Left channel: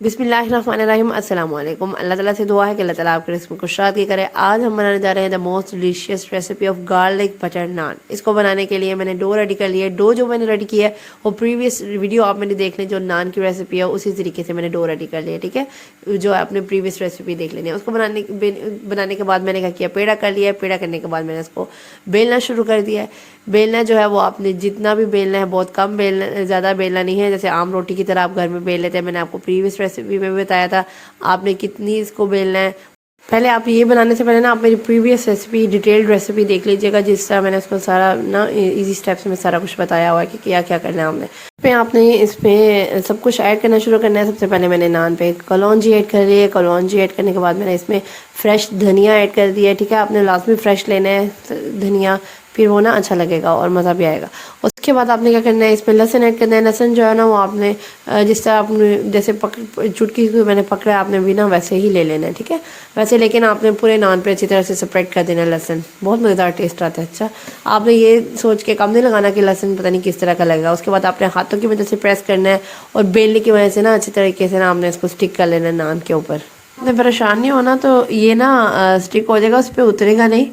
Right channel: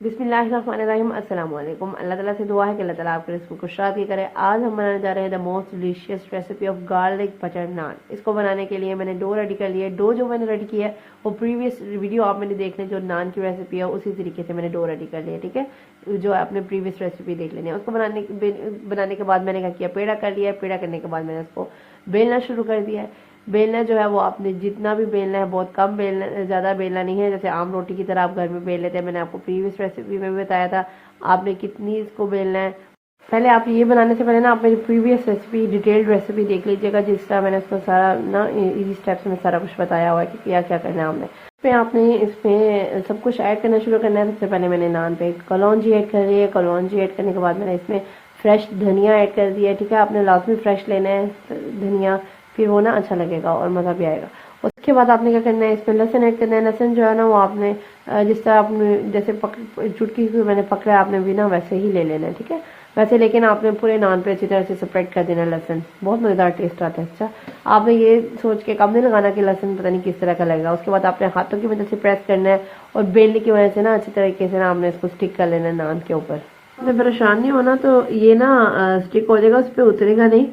बिस्मिल्लाहिर्रहमानिर्रहीम अस्सलाम वालेकुम। अल्लाह ताला से दुआ है कि अल्लाह ताला आपके रिस्क में खुशहाली की करे। आज हम बनाने जा रहे हैं the most delicious recipe of garlic butter naan. इसको बनाने के लिए मैंने डो रेडी कर लिया है। डो जो मैंने रेडी किया है वो प्रीवियस वीडियो आप मैंने देख लें, जो नान की रेसिपी है उसी तरीके से मैंने डो रेडी कर लिया है, ठीक है। जो आपने प्रीवियस रेसिपी देख लेनी है। उसको बनाने के बाद मैंने क्या किया, पेड़ा कर लिया है। पेड़ा करने के बाद मैंने इसको बेलना शुरू कर दिया है। बेलना जो है वो आपने जितना भी बेलना है, बहुत कम बेलना, ज़्यादा बेलना नहीं है। जैसे आम रोटी की तरह आप घर में बेल लेते हैं, मैंने आपको प्रीवियस रेसिपी में भी बताया था आपने कितनी इसको बेलना है। पहले आप ये बनाने से पहले ना आप मेरी प्रीवियस रेसिपी, डिटेल्ड रेसिपी देख लीजिएगा, जिस तरह मैंने उसको सारा ना इजी स्टेप्स में सारा कुछ बताया हुआ है कि क्या क्या करना है हमने। पे आपने इसमें सब कुछ ऐड करना शुरू करना है। सबसे पहले मैंने नान पे कलौंजी ऐड कर ली है। कलौंजी ऐड करने के बाद मैंने इसमें फ्रेश धनिया ऐड कर दिया है, ठीक है। आपने लाजमी फ्रेश लेना है धनिया, फिर वो ना अच्छा लगेगा और मज़ा भी आएगा। उसके बाद आपने क्या करना है, इसमें लहसुन ऐड करना है। लहसुन जो है ना वो आपने जिस तरह आपने जैसे चुटकी को मैंने पकड़ा, आपने भी ना वैसे ही ले लेना है, ठीक है। वैसे लेकिन आपने पूरे नान पे अच्छी तरह से स्प्रेड कर देना है लहसुन, बहुत मज़ेदार टेस्ट आता है। अच्छा, आपने ये सोच के कम नहीं लगाना कि लहसुन पता नहीं किस तरह का लगेगा। उसके बाद आपने हाथों की मदद से प्रेस करना है और बेलने की वजह से ना अच्छी तरीके से ना आपने इसको स्टिक कर लेना है नान के ऊपर। आपने परेशान नहीं होना, तो ये ना स्टिक हो जाएगा, उस पर उतरेगा नहीं।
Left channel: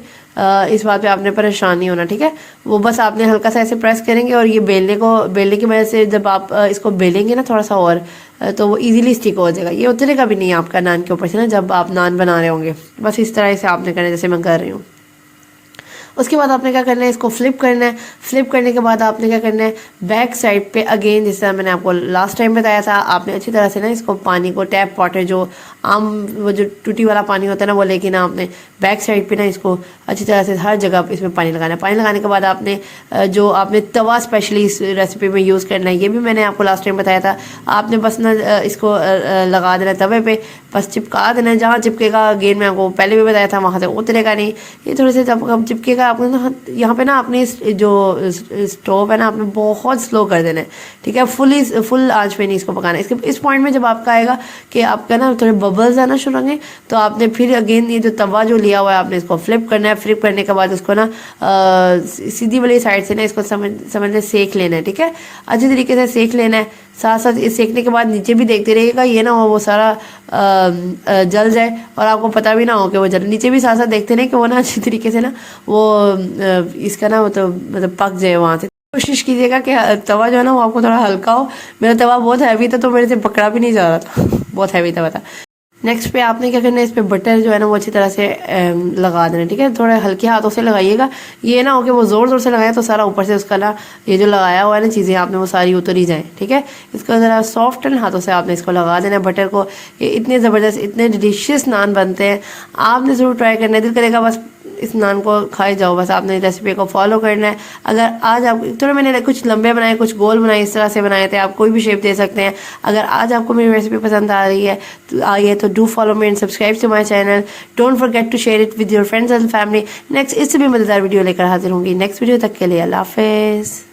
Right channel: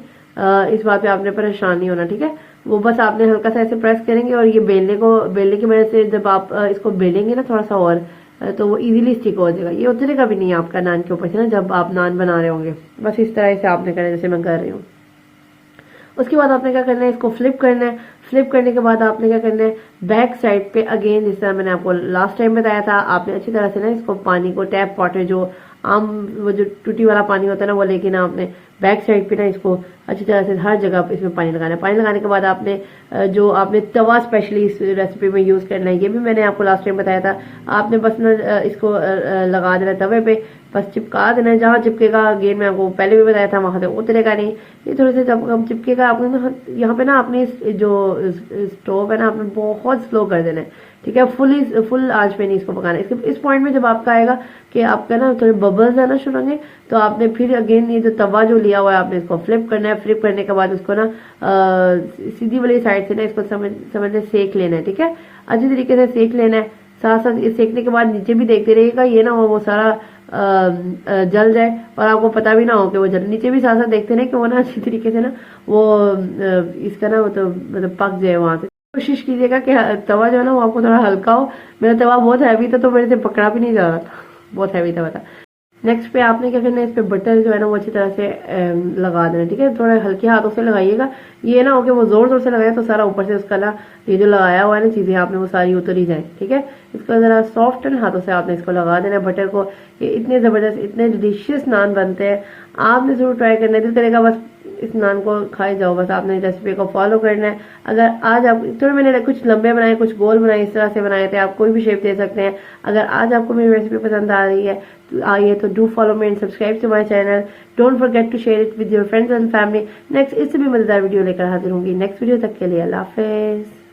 इस बात पे आपने परेशान नहीं होना, ठीक है। वो बस आपने हल्का सा ऐसे प्रेस करेंगे और ये बेलने की वजह से जब आप इसको बेलेंगे ना थोड़ा सा और तो वो इजीली स्टिक हो जाएगा। ये उतरेगा भी नहीं है आपका नान के ऊपर से ना, जब आप नान बना रहे होंगे। बस इस तरह से आपने करना है जैसे मैं कर रही हूँ। उसके बाद आपने क्या करना है, इसको फ्लिप करना है। फ्लिप करने के बाद आपने क्या करना है, बैक साइड पे अगेन जिस तरह मैंने आपको लास्ट टाइम बताया था, आपने अच्छी तरह से ना इसको पानी को टैप वाटर जो आम वो जो टूटी वाला पानी होता है ना वो, लेकिन आपने बैक साइड पे ना इसको अच्छी तरह से हर जगह इसमें पानी लगाना है। पानी लगाने के बाद आपने जो आपने तवा स्पेशली इस रेसिपी में यूज़ करना है, ये भी मैंने आपको लास्ट टाइम बताया था। आपने बस ना इसको लगा देना तवे पे, बस चिपका देना। जहाँ चिपकेगा अगेन मैं आपको पहले भी बताया था वहाँ से उतरेगा नहीं। ये थोड़े से जब हम चिपकेगा आपने ना यहाँ पे ना अपनी जो स्टोव है ना आपने बहुत स्लो कर देना है, ठीक है। फुल आंच पे नहीं इसको पकाना है। इस पॉइंट में जब आपका आएगा कि आपका ना थोड़े बबल्स आना शुरू होंगे, तो आपने फिर अगेन ये जो तवा जो लिया हुआ है आपने इसको फ्लिप करना है। फ्लिप करने के बाद इसको ना सीधी वाली साइड से ना इसको समझने सेक लेना है, ठीक है। अच्छी तरीके से सेक लेना है। साथ साथ इस सेकने के बाद नीचे भी देखते रहिएगा, ये ना हो वो सारा जल जाए और आपको पता भी ना हो कि वो जल। नीचे भी साथ साथ देखते रहे कि वो ना अच्छी तरीके से ना वो इसका ना मतलब पक जाए वहाँ से। कोशिश कीजिएगा कि तवा जो है ना वो आपको थोड़ा हल्का हो। मेरा तवा बहुत हैवी था तो मेरे से पकड़ा भी नहीं जा रहा था, बहुत हैवी तवा था। नेक्स्ट पे आपने क्या करना है, इस पे बटर जो है ना वो अच्छी तरह से लगा देना, ठीक है। थोड़े हल्के हाथों से लगाइएगा, ये ना हो कि वो ज़ोर ज़ोर से लगाए तो सारा ऊपर से उसका ना ये जो लगाया हुआ है ना चीज़ें आपने वो सारी उतर ही जाए, ठीक है। इसको ज़रा सॉफ्ट हाथों से आपने इसको लगा देना है बटर को। ये इतने ज़बरदस्त, इतने डिलीशियस नान बनते हैं, आपने ज़रूर ट्राई करना है। दिल करेगा बस इस नान को खाए जाओ। बस आपने रेसिपी को फॉलो करना है। अगर आज आप थोड़े मैंने कुछ लंबे बनाए, कुछ गोल बनाए, इस तरह से बनाए थे, आप कोई भी शेप दे सकते हैं। अगर आज आपको मेरी रेसिपी पसंद आ रही है तो आइए तो do follow me and subscribe to my channel. Don't forget to share it with your friends and family. Next इससे भी मज़ेदार वीडियो लेकर हाजिर होंगी। नेक्स्ट वीडियो तक के लिए अल्लाह हाफिज़।